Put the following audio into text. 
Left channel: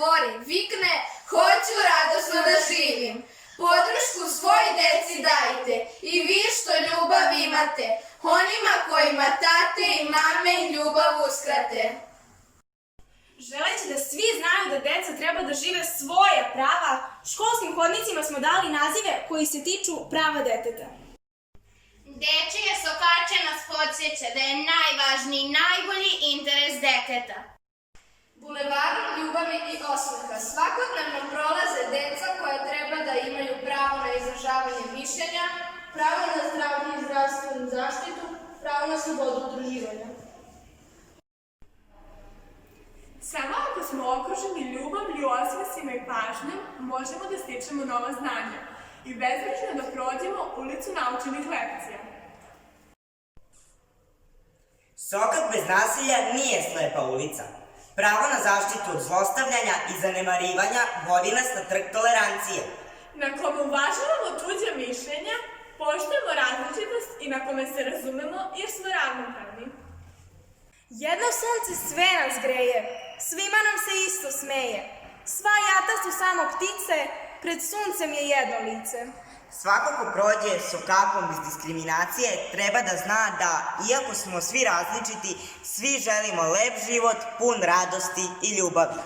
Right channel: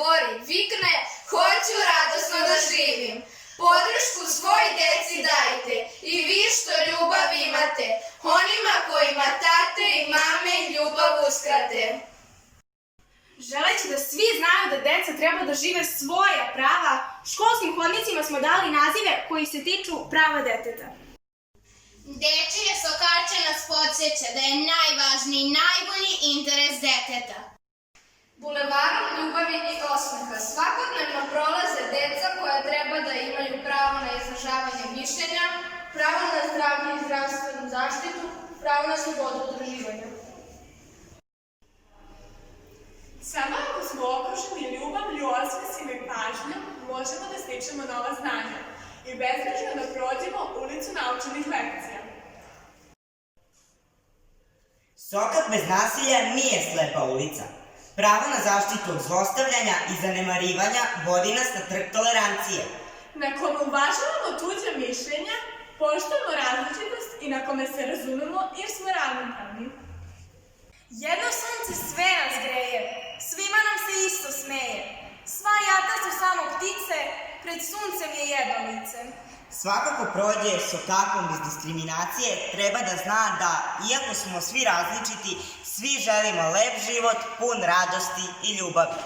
bori, vikne hoću radosno da živim. Podršku svoj deci dajte i vi što ljubav imate, onima kojima tate i mame ljubav uskrate. Želeći da svi znaju da deca treba da žive svoja prava, školskim hodnicima smo dali nazive koji se tiču prava deteta. Dečije sokače nas podsjeća da je najvažniji, najbolji interes deteta. Bulevarom ljubavi i osmeha svakodnevno prolaze deca koja treba da imaju pravo na izražavanje mišljenja, pravo na zdravlje i zdravstvenu zaštitu, pravo na slobodu udruživanja. Samo ako smo okruženi ljubavlju, osmesima i pažnjom, možemo da stičemo nova znanja i bezbrižno da prođemo ulicu naučenih lekcija. Sokak bez nasilja nije slepa ulica. Pravo na zaštitu od zlostavljanja i zanemarivanja vodi nas na trg tolerancije. Na kome uvažavamo tuđa mišljenja, poštujemo različitost i na kome se razumemo jer smo ravnopravni. Jedno sunce sve nas greje, svima nam se isto smeje. Sva jata su samo ptice, pred suncem je jedno lice. Svako ko prođe sokakom bez diskriminacije treba da zna da, iako smo svi različiti, svi želimo lep život, pun radosti i ljubavi.